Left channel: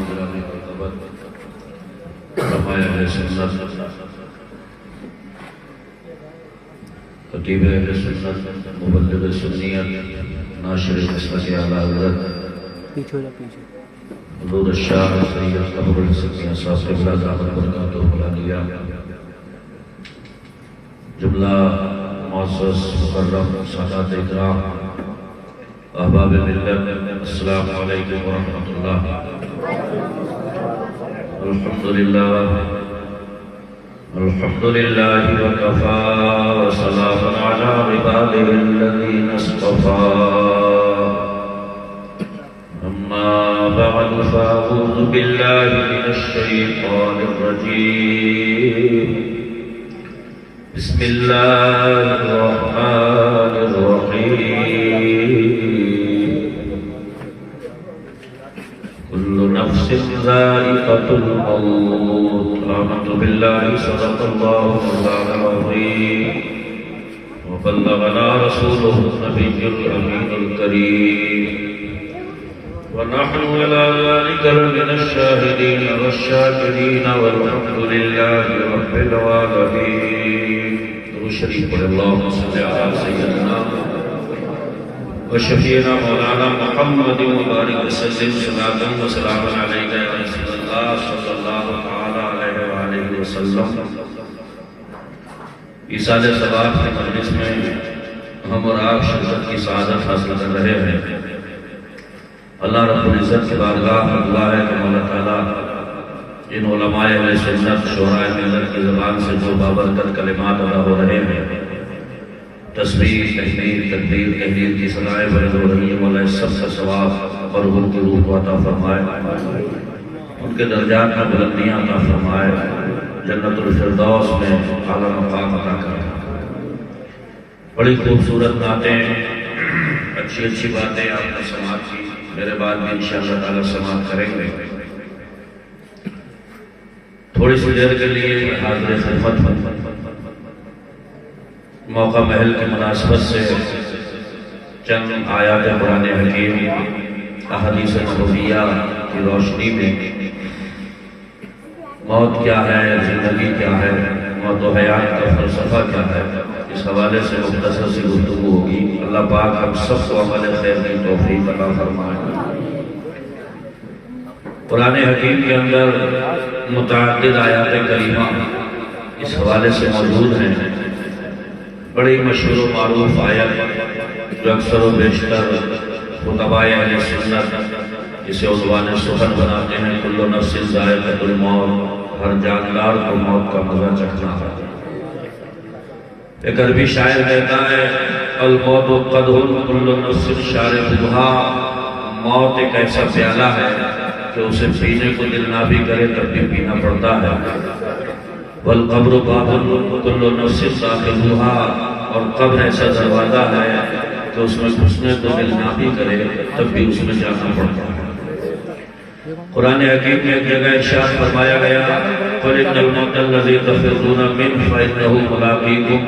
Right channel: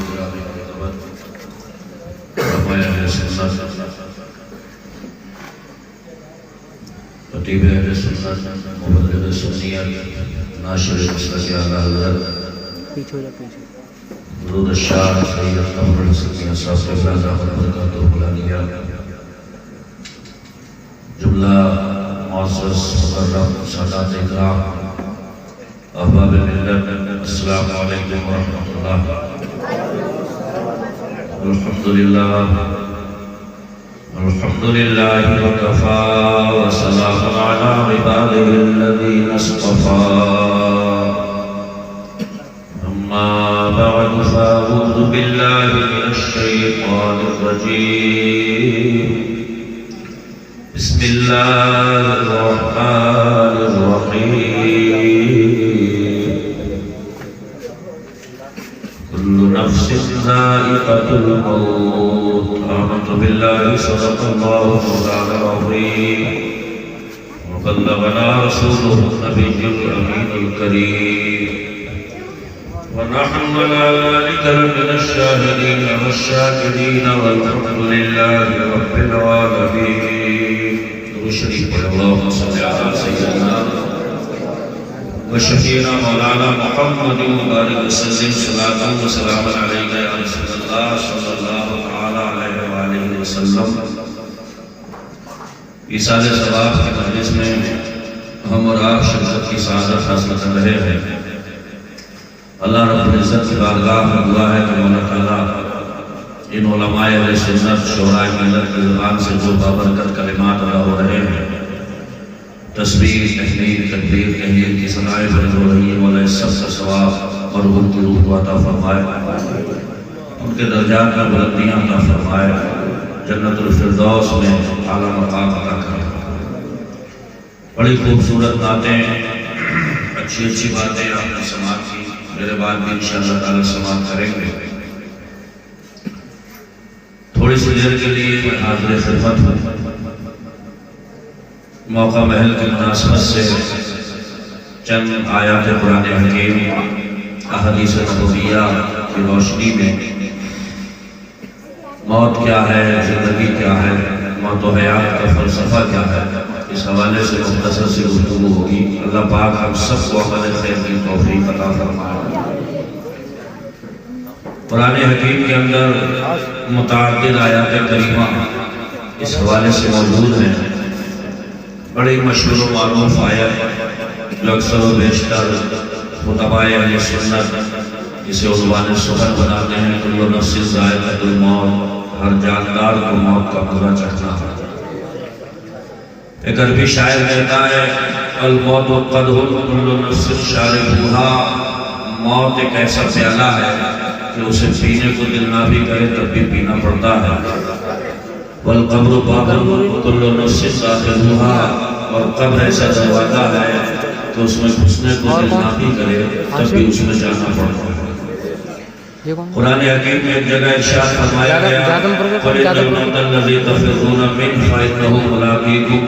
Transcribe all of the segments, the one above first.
گرامی مرتبت علماء اہل سنت خطیب اہل سنت مبلغ سنیت ناشر مسلک اعلیٰ حضرت حضور الشاہ سید قبر السکینہ صاحب قبلہ دامت برکاتہ فلانیہ جملہ معزز مکرم سادات اکرام احباب ملت السلام علیکم ورحمۃ اللہ الحمدللہ وکفا وسلام علی عباده الذین اصطفى اما بعد فاعوذ باللہ من الشیطان الرجیم بسم اللہ الرحمن الرحیم كل نفس ذائقة الموت آمنت بالله صدق الله مولانا العظيم وبلغنا رسوله النبي الأمين الكريم ونحن على ذلك لمن الشاهدين والشاكرين والحمد لله رب العالمين شريف اللهم صل على سيدنا وشفيعنا مولانا محمد وبارك وسلم صلاة وسلام عليك يا رسول الله صلى الله عليه وآله وسلم. ایصال ثواب کے مجلس میں ہم اور آپ شرکت کی سعادت حاصل کر رہے ہیں. اللہ رب العزت کی بارگاہ میں دعا ہے کہ مولا تعالیٰ ان علماء اہل سنت شعراء ملت کی زبان سے جو بابرکت کلمات ادا ہو رہے ہیں، تسبیح، تحمیل، تکبیر، تحلیل کی ثنائیں برز ہو رہی ہیں، مولا اس سب کا ثواب مرحوم کی روح کو عطا فرمائے، ان کے درجات میں بلندیاں عطا فرمائے، جنت الفردوس میں اعلیٰ مقام عطا کرے. بڑی خوبصورت باتیں، اچھی باتیں آپ نے سماعت کی. میرے بعد بھی انشاءاللہ تعالیٰ سماعت کریں گے. تھوڑی سی دیر کے لیے حاضر خدمت موقع محل کی مناسبت سے چند آیات قرآن حکیم احادیث نبویہ کی روشنی میں موت کیا ہے، زندگی کیا ہے، موت و حیات کا فلسفہ کیا ہے، اس حوالے سے مختصر سی گفتگو ہوگی. اللہ پاک ہم سب کو عمل خیر کی توفیق عطا فرمائے. قرآن حکیم کے اندر متعدد آیات کریمہ اس حوالے سے موجود ہیں. بڑی مشہور و معروف آیت جو اکثر و بیشتر خطباء اہل سنت جسے عنوان سخن بناتے ہیں، کل نفس ذائقۃ الموت، ہر جاندار کو موت کا مزہ چکھنا ہے. ایک عربی شاعر کہتا ہے الموت قدح کل نفس شاربها، موت ایک ایسا پیالہ ہے کہ اسے پینے کو دل نہ بھی کرے تب بھی پینا پڑتا ہے. والقبر باب کل نفس داخلها، اور قبر ایسا دروازہ ہے کہ اس میں گھسنے کو دل نہ بھی کرے تب بھی اس میں جانا پڑتا ہے. قرآن حکیم میں ایک جگہ ارشاد فرمایا گیا فَإِنَّ الْمَوْتَ الَّذِي تَفِرُّونَ مِنْهُ فَإِنَّهُ مُلَاقِيكُمْ،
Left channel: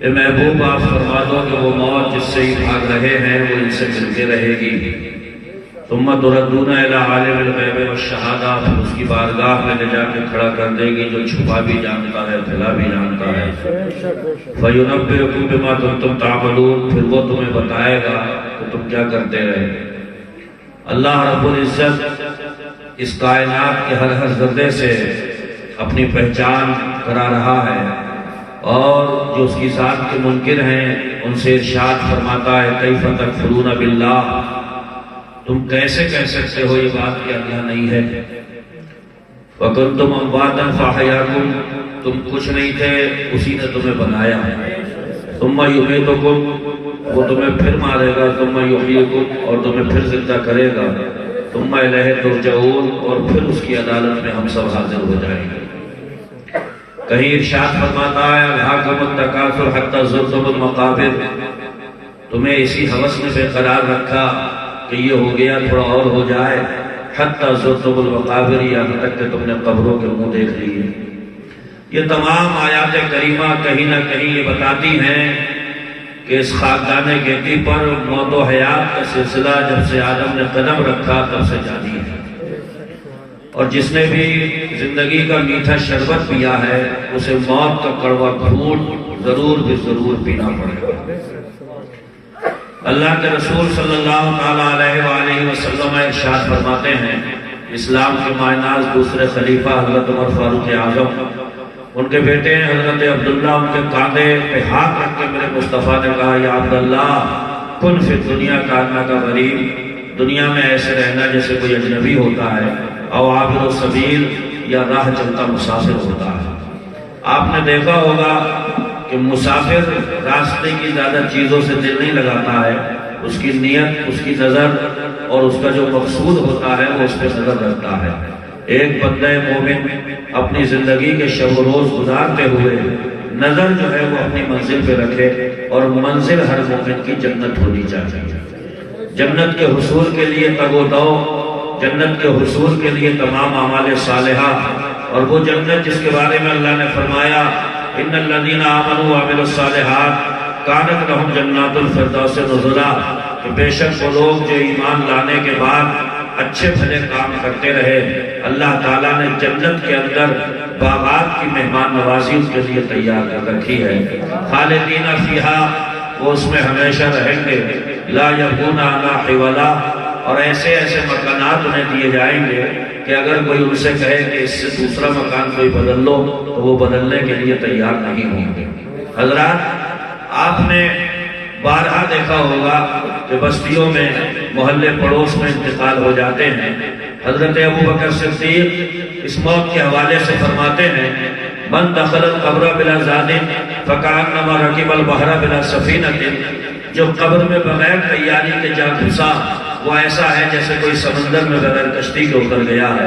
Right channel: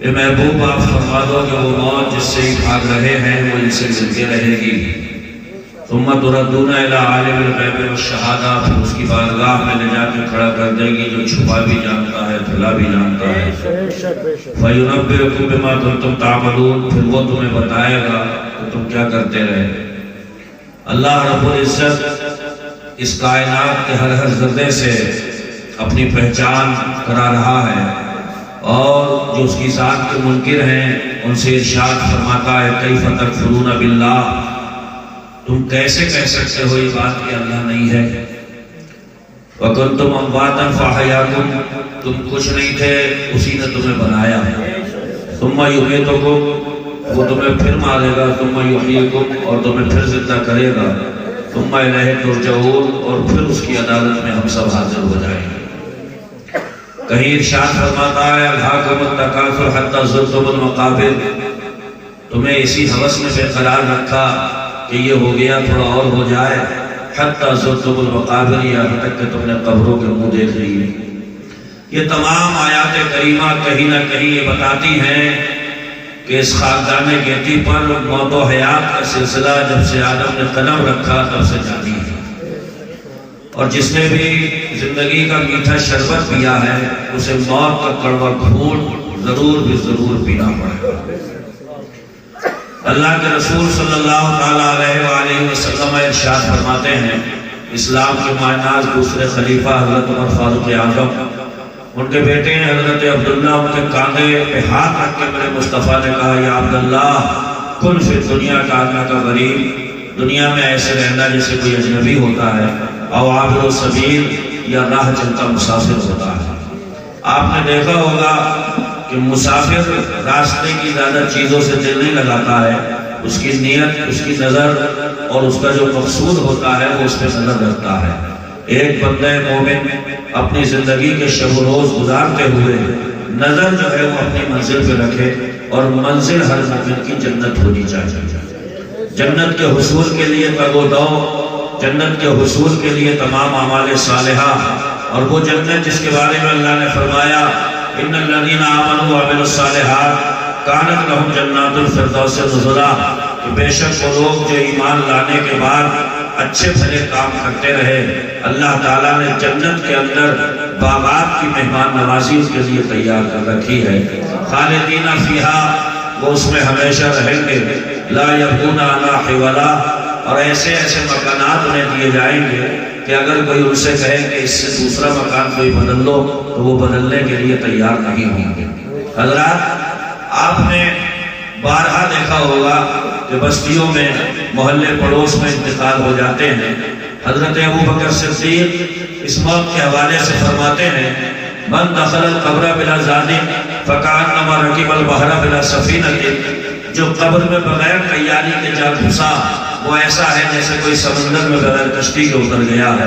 اے محبوب آپ فرما دو کہ وہ موت جس سے ہی بھاگ رہے ہیں وہ ان سے مل کے رہے گی. ثم تردون الى عالم الغیب والشہادہ، پھر اس کی بارگاہ میں لے جا کے کھڑا کر دے گی جو چھپا بھی جانتا ہے پھیلا بھی جانتا ہے. فَيُنَبِّئُكُم بِمَا كُنتُمْ تَعْمَلُونَ، پھر وہ تمہیں بتائے گا کہ تم کیا کرتے رہے. اللہ رب العزت اس کائنات کے ہر ذرے سے اپنی پہچان کرا رہا ہے، اور جو اس کی ذات کے منکر ہیں ان سے ارشاد فرماتا ہے کیف تکفرون باللہ، تم کیسے کہہ سکتے ہو یہ بات کہ اللہ نہیں ہے. وَكُنْتُمْ أَمْوَاتًا فَأَحْيَاكُمْ، تم کچھ نہیں تھے اسی نے تمہیں بنایا. ثُمَّ يُمِيتُكُمْ، وہ تمہیں پھر مارے گا. ثُمَّ يُحْيِيكُمْ، اور تمہیں پھر زندہ کرے گا. ثُمَّ إِلَيْهِ تُرْجَعُونَ، اور پھر اس کی عدالت میں ہم سب حاضر ہو جائیں گے. کہیں ارشاد فرماتا ہے أَلْهَاكُمُ التَّكَاثُرُ حَتَّىٰ زُرْتُمُ الْمَقَابِرَ، تمہیں اسی حوث نے بے قرار رکھا کہ یہ ہو گیا تھوڑا اور ہو جائے. حتیٰ زرتم المقابر، یہاں تک کہ تم نے قبروں کے منہ دیکھ لیے. یہ تمام آیات کریمہ کہیں نہ کہیں یہ بتاتی ہیں کہ اس خاندان گیتی پر موت و حیات کا سلسلہ جب سے آدم نے قدم رکھا تب سے جاری ہے. اور جس نے بھی زندگی کا میٹھا شربت پیا ہے اسے موت کا کڑوا گھونٹ ضرور بھی ضرور پینا پڑے گا۔ اللہ کے رسول صلی اللہ تعالیٰ علیہ وآلہ وسلم ارشاد فرماتے ہیں، اسلام کے مائناز دوسرے خلیفہ حضرت عمر فاروق اعظم، ان کے بیٹے ہیں حضرت عبداللہ، ان کے کاندھے پہ ہاتھ رکھ کے میرے مصطفیٰ نے کہا، یا عبداللہ کن فی دنیا کاننا کا غریب، دنیا میں ایسے رہنا جیسے کوئی اجنبی ہوتا ہے، او عابر السبیل، یا راہ چلتا مسافر ہوتا ہے۔ آپ نے دیکھا ہوگا کہ مسافر راستے کی زیادہ چیزوں سے دل نہیں لگاتا ہے، اس کی نیت، اس کی نظر اور اس کا جو مقصود ہوتا ہے وہ اس پہ نظر رکھتا ہے۔ ایک بندہ مومن اپنی زندگی کے شب و روز گزارتے ہوئے نظر جو ہے وہ اپنی منزل پہ رکھے، اور منزل ہر مومن کی جنت ہونی چاہیے۔ جنت کے حصول کے لیے تگ و دو، جنت کے حصول کے لیے تمام اعمال صالحہ، اور وہ جنت جس کے بارے میں اللہ نے فرمایا، ان الذین آمنوا وعملوا الصالحات کانت لہم جنات الفردوس نزلا، کہ بے شک وہ لوگ جو ایمان لانے کے بعد اچھے بھلے کام کرتے رہے، اللہ تعالیٰ نے جنت کے اندر باغات کی مہمان نوازی کے لیے تیار کر رکھی ہے۔ خالدین فیہا، وہ اس میں ہمیشہ رہیں گے، لا یبغون عنہا حولا، اور ایسے ایسے مکانات انہیں دیے جائیں گے کہ اگر کوئی ان سے کہے کہ اس سے دوسرا مکان کوئی بدل لو تو وہ بدلنے کے لیے تیار نہیں ہوں گے۔ حضرات، آپ نے بارہا دیکھا ہوگا کہ بستیوں میں، محلے پڑوس میں انتقال ہو جاتے ہیں۔ حضرت ابوبکر صدیق اس موت کے حوالے سے فرماتے ہیں، من دخل القبر بلا زاد فکانما رکب البحر بلا سفینۃ، جو قبر میں بغیر تیاری کے جا گھسا وہ ایسا ہے جیسے کوئی سمندر میں بغیر کشتی کے اتر گیا ہے۔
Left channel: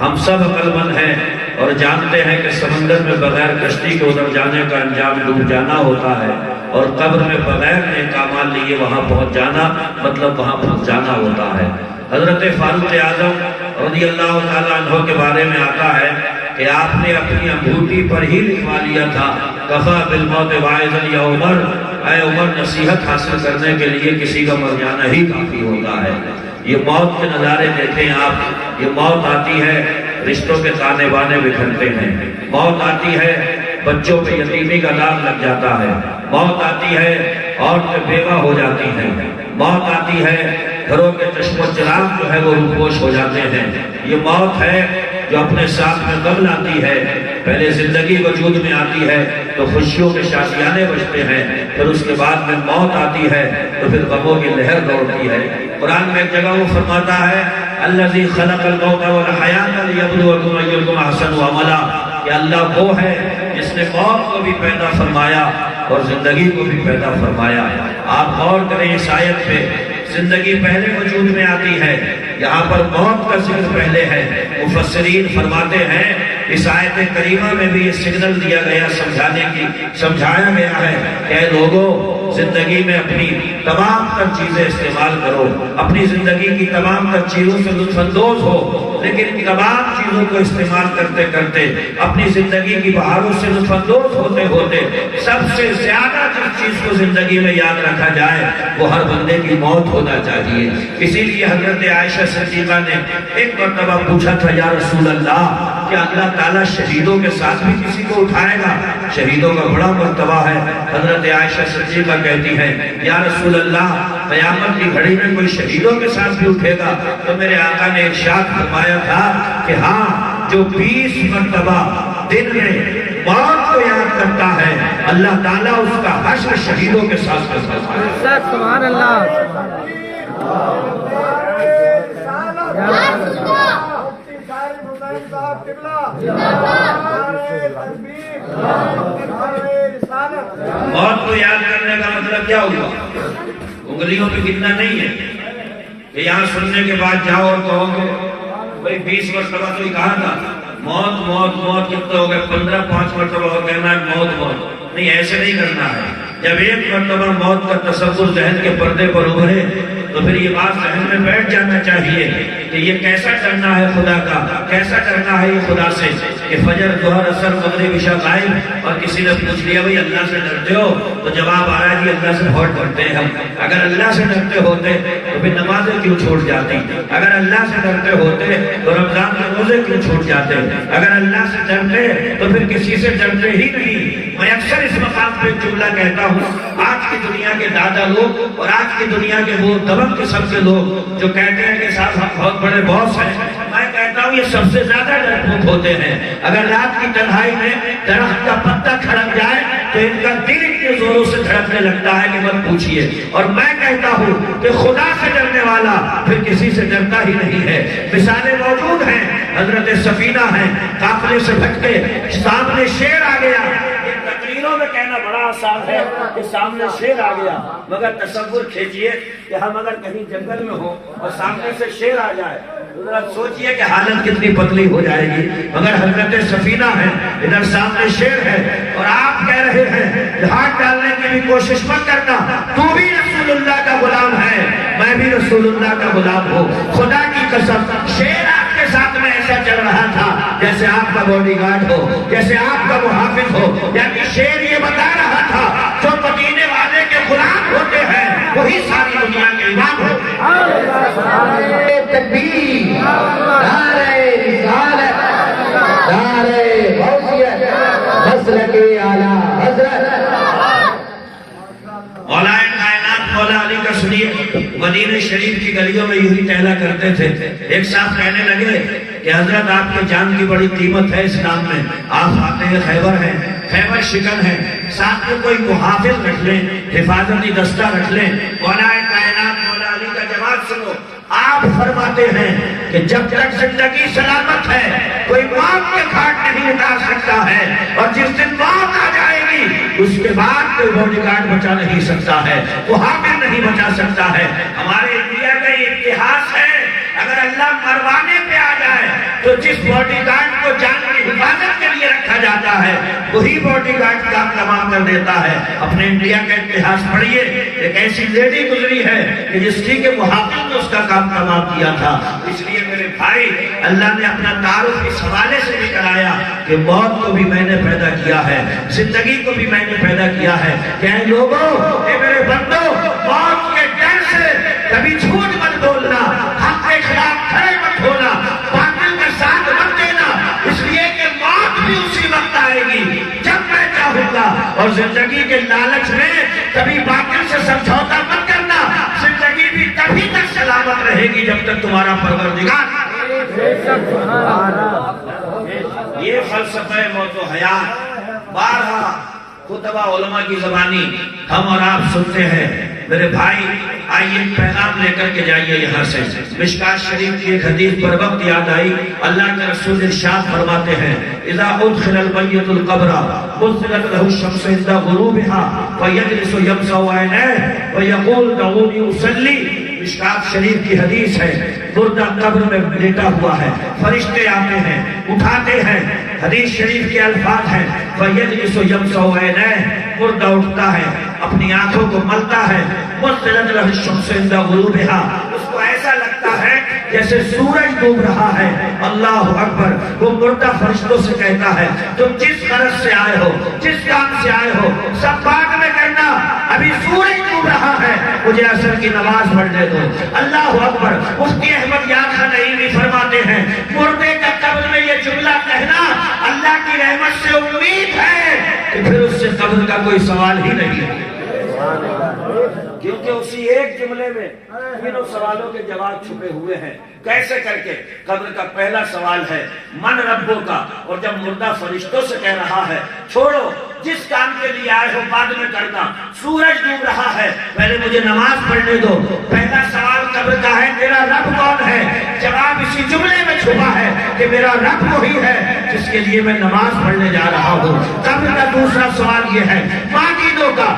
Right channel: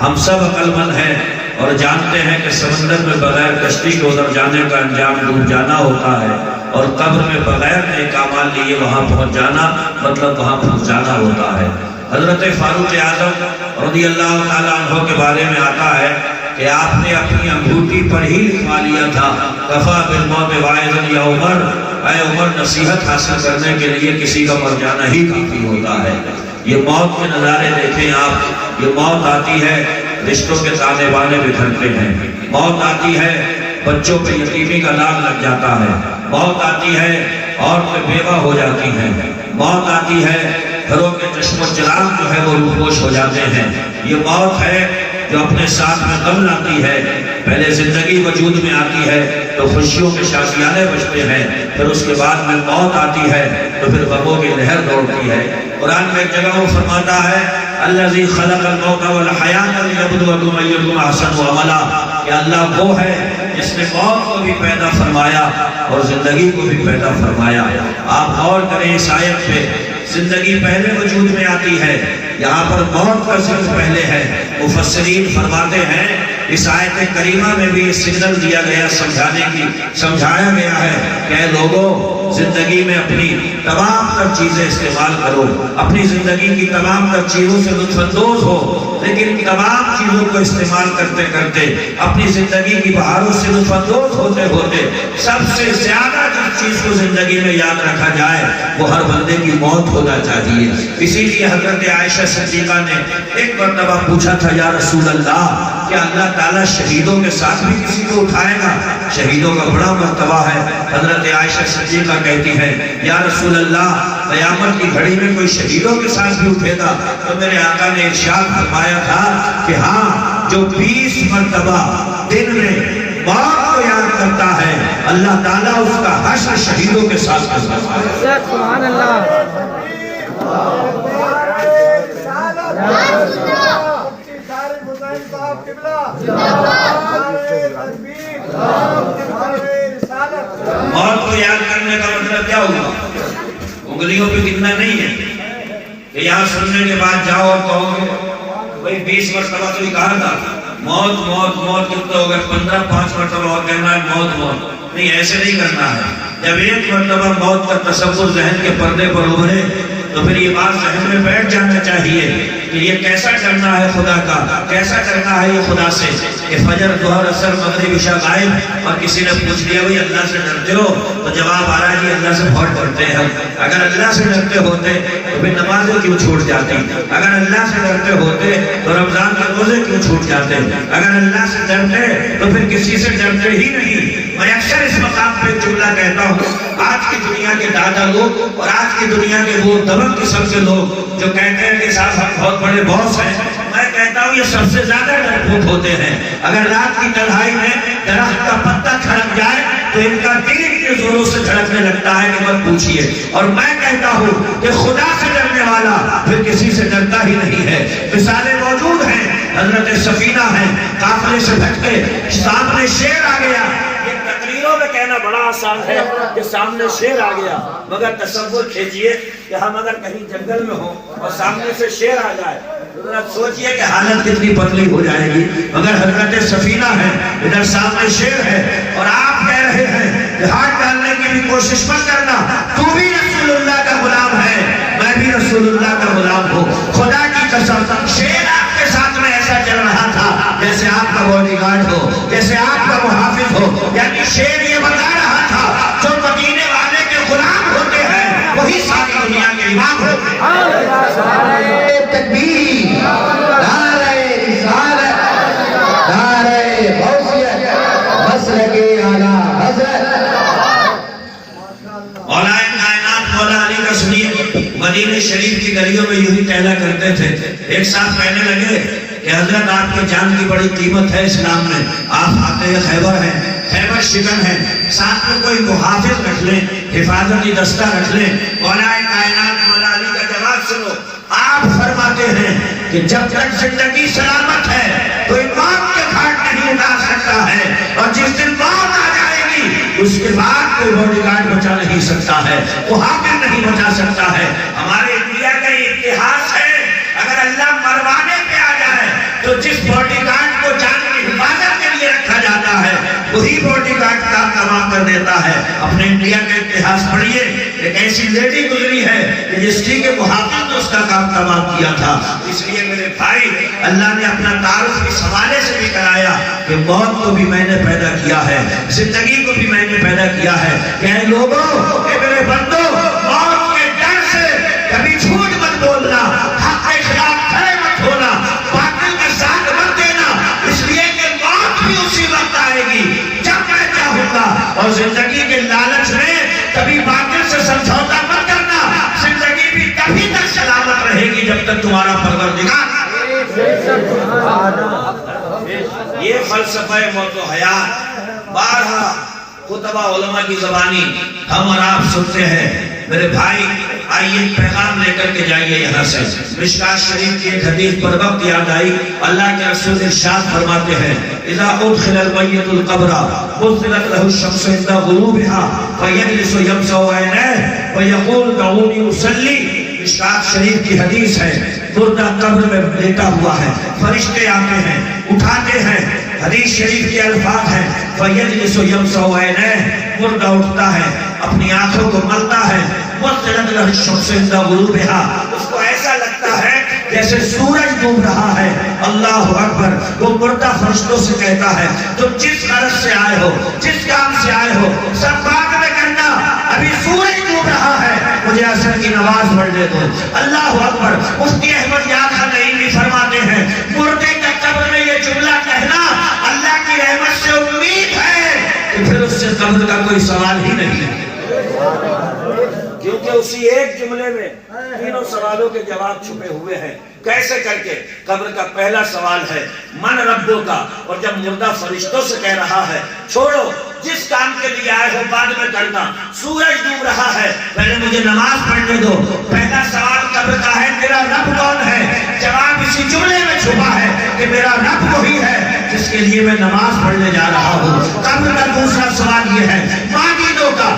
ہم سب عقل مند ہیں اور جانتے ہیں کہ سمندر میں بغیر کشتی کے اتر جانے کا انجام ڈوب جانا ہوتا ہے، اور قبر میں بغیر نیک اعمال لیے وہاں پہنچ جانا مطلب وہاں پہنچ جانا ہوتا ہے۔ حضرت فاروق اعظم رضی اللہ تعالیٰ عنہ کے بارے میں آتا ہے کہ آپ نے اپنی انگوٹھی پر ہی لکھوا لیا تھا، کفا بالموت واعظا یا عمر، اے عمر نصیحت حاصل کرنے کے لیے کسی کا مر جانا ہی کافی ہوتا ہے۔ یہ موت کے نظارے دیکھیں آپ، یہ موت آتی ہے رشتوں کے تانے بانے بکھرتے ہیں، موت آتی ہے بچوں پہ یتیمی کا نام لگ جاتا ہے، موت آتی ہے عورتیں بیوہ ہو جاتی ہیں، موت آتی ہے گھروں کے چشم و چراغ جو ہے وہ روپوش ہو جاتے ہیں۔ یہ موت ہے جو اپنے ساتھ میں غم لاتی ہے، پہلے زندگی وجود میں آتی ہے تو خوشیوں کے شادیانے بجتے ہیں، پھر اس کے بعد میں موت آتی ہے تو پھر غموں کی لہر دوڑتی ہے۔ قرآن میں ایک جگہ وہ فرماتا ہے، الذی خلق الموت والحیات لیبلوکم ایکم احسن عملا، کہ اللہ وہ ہے جس نے موت کو بھی پیدا فرمایا اور زندگی کو بھی پیدا فرمایا۔ آپ غور کریں اس آیت پہ، زندگی پہلے وجود میں آتی ہے، یہاں پر موت کا ذکر پہلے ہے۔ مفسرین فرماتے ہیں اس آیت کریمہ میں بھی یہ سگنل دیا گیا، سمجھایا گیا ہے کہ اے لوگوں، زندگی میں اپنی تمام تر چیزیں استعمال کرو، اپنی زندگی کی تمام تر چیزوں سے لطف اندوز ہو، لیکن تمام چیزوں کو استعمال کرتے کرتے اپنی زندگی کی بہاروں سے لطف اندوز ہوتے ہوتے سب سے زیادہ جس چیز کو زندگی میں یاد رکھا جائے وہ ہر بندے کی موت ہونا چاہیے۔ اسی لیے حضرت عائشہ صدیقہ نے ایک مرتبہ پوچھا تھا، یا رسول اللہ، کیا اللہ تعالیٰ شہیدوں کے ساتھ بھی کسی کو اٹھائے گا؟ شہیدوں کا بڑا مرتبہ ہے۔ حضرت عائشہ صدیقہ کہتی ہے، یا رسول اللہ، قیامت کی گھڑی میں کوئی شہیدوں کے ساتھ بھی اٹھے گا؟ تو میرے آقا نے ارشاد فرمایا تھا کہ ہاں، جو 20 مرتبہ دن میں موت کو یاد کرتا ہے اللہ تعالیٰ اس کا حشر شہیدوں کے ساتھ کرتا ہے۔ سبحان اللہ۔ موت کو یاد کرنے کا مطلب کیا ہوا؟ انگلیوں پہ گننا نہیں ہے کہ یہاں سننے کے بعد جاؤ اور کہو گے بھئی 20 مرتبہ تو کہا تھا موت موت موت، کتنے ہو گئے 15، 5 مرتبہ اور کہنا ہے موت موت، نہیں، ایسے نہیں کرنا ہے۔ جب ایک مرتبہ موت کا تصور ذہن کے پردے پر ابھرے تو پھر یہ بات ذہن میں بیٹھ جانا چاہیے کہ یہ کیسا کرنا ہے خدا کا، کیسا کرنا ہے یہ خدا سے کہ فجر ظہر عصر مغرب عشاء غائب، اور کسی نے پوچھ لیا بھئی اللہ سے ڈرتے ہو؟ تو جواب آ رہا ہے جی اللہ سے بہت ڈرتے ہیں ہم۔ اگر اللہ سے ڈرتے ہوتے تو پھر نمازیں کیوں چھوٹ جاتی؟ اگر اللہ سے ڈرتے ہوتے تو رمضان کے روزے کیوں چھوٹ جاتے؟ اگر اللہ سے ڈرتے تو پھر کسی سے ڈرتے ہی نہیں۔ میں اکثر اس مقام پہ جملہ کہتا ہوں، آج کی دنیا کے دادا لوگ اور آج کی دنیا کے وہ دبنگ قسم کے لوگ جو کہتے ہیں کہ صاحب ہم بہت بڑے باس ہیں، میں کہتا ہوں یہ سب سے زیادہ ڈرپوک ہوتے ہیں۔ اگر رات کی تنہائی میں درخت کا پتا کھڑک جائے تو ان کا دل اتنے زوروں سے دھڑکنے لگتا ہے کہ مت پوچھیے۔ اور میں کہتا ہوں کہ خدا سے ڈرنے والا پھر کسی سے ڈرتا ہی نہیں ہے۔ مثالیں موجود ہیں، حضرت سفینہ ہیں، قافلے سے بھٹکے، سامنے شیر آ گیا۔ تقریروں میں کہنا بڑا آسان ہے کہ سامنے شیر آ گیا، مگر تصور کھیجئے کہ ہم اگر کہیں جنگل میں ہوں اور سامنے سے شیر آ جائے، ذرا سوچئے کہ حالت کتنی پتلی ہو جائے گی۔ مگر حضرت سفینہ ہے، ادھر سامنے شیر ہے، اور آپ کہہ رہے ہیں کہ ہاتھ ڈالنے کی بھی کوشش مت کرنا، تو بھی رسول اللہ کا غلام ہے، میں بھی رسول اللہ کا غلام ہوں۔ خدا کی قسم شیر آپ کے ساتھ میں ایسا چل رہا تھا جیسے آپ کا باڈی گارڈ ہو، جیسے آپ کا محافظ ہو۔ یعنی شیر یہ بتا رہا تھا جو مدینے والے کے غلام ہوتے ہیں وہی ساری دنیا کے امام ہوتے ہیں۔ تکبیر، نعرہ رسالت، نعرہ غوثیت، مسلک اعلیٰ حضرت۔ مولا کائنات مولا علی کا سنیے، مدینہ شریف کی گلیوں میں یوں ہی ٹہلا کرتے تھے۔ ایک صاحب کہنے لگے کہ حضرت آپ کے جان کی بڑی قیمت ہے اسلام میں، آپ آتے خیبر ہیں، خیبر شکن ہے، ساتھ میں کوئی محافظ رکھ لیں، حفاظتی دستہ رکھ لیں۔ مولا کائنات مولا علی کا جواب سنو، آپ فرماتے ہیں کہ جب تک زندگی سلامت ہے کوئی موت کے گھاٹ نہیں اتار سکتا ہے، اور جس دن موت آ جائے گی اس کے بعد کوئی باڈی گارڈ بچا نہیں سکتا ہے، وہ حاکم نہیں بچا سکتا ہے۔ ہمارے انڈیا کا یہ اتہاس ہے، اگر اللہ مروانے پہ آ جائے تو جس باڈی گارڈ کو جان کی حفاظت کے لیے رکھا جاتا ہے وہی باڈی گارڈ کا تمام کر دیتا ہے۔ اپنے انڈیا کا اتہاس پڑھیے، ایک ایسی لیڈی گزری ہے کہ جس کی کے محافظ نے اس کا کام تمام کیا تھا۔ اس لیے میرے بھائی، اللہ نے اپنا تعارف اس حوالے سے بھی کرایا کہ موت کو بھی میں نے پیدا کیا ہے، زندگی کو بھی میں نے پیدا کیا ہے۔ کہ اے لوگوں، اے میرے بندو، موت کے ڈر سے کبھی جھوٹ مت بولنا، حق کے خلاف کھڑے مت ہونا، باطل کا ساتھ مت دینا، اس لیے کہ موت بھی اسی وقت آئے گی جب میں چاہوں گا۔ اور زندگی کے لالچ میں کبھی باطل سے سمجھوتا مت کرنا، زندگی بھی تبھی تک سلامت رہے گی جب تک تمہارا پروردگار۔ یہ فلسفہ موت و حیات بارہا خطبہ علماء کی زبانی ہم اور آپ سنتے ہیں۔ میرے بھائی آئیے پیغام لے کر کے جائیے یہاں سے۔ مشکات شریف کی ایک حدیث پر وقت یاد آئی، اللہ کے رسول ارشاد فرماتے ہیں اذا ادخل المیت القبر مثلت له الشمس عند غروبها فیجلس یمسح عینیہ ویقول دعونی اصلی۔ مشکات شریف کی حدیث ہے، مردہ قبر میں لیٹا ہوا ہے، فرشتے آتے ہیں، اٹھاتے ہیں۔ حدیث شریف کے الفاظ ہیں فیجلس یمسح عینیہ، مردہ اٹھتا ہے، اپنی آنکھوں کو ملتا ہے، مثلت له الشمس عند غروبها، اس کو ایسا لگتا ہے جیسے سورج ڈوب رہا ہے۔ اللہ اکبر۔ وہ مردہ فرشتوں سے کہتا ہے تم جس غرض سے آئے ہو، جس کام سے آئے ہو، سب بعد میں کرنا، ابھی سورج ڈوب رہا ہے، مجھے عصر کی نماز پڑھنے دو۔ اللہ اکبر۔ مفتی احمد یاد نعیمی فرماتے ہیں مردے کا قبر میں یہ جملہ کہنا اللہ کی رحمت سے امید ہے کہ پھر اس سے قبر کا کوئی سوال ہی نہیں ہے، کیونکہ اسی ایک جملے میں تینوں سوالوں کے جواب چھپے ہوئے ہیں۔ کیسے کر کے؟ قبر کا پہلا سوال ہے من ربوں کا، اور جب مردہ فرشتوں سے کہہ رہا ہے چھوڑو جس کام کے لیے آئے ہو بعد میں کرنا، سورج ڈوب رہا ہے، پہلے مجھے نماز پڑھنے دو۔ پہلا سوال قبر کا ہے تیرا رب کون ہے؟ جواب اسی جملے میں چھپا ہے کہ میرا رب وہی ہے جس کے لیے میں نماز پڑھنے جا رہا ہوں۔ قبر کا دوسرا سوال یہ ہے ماجدوں کا،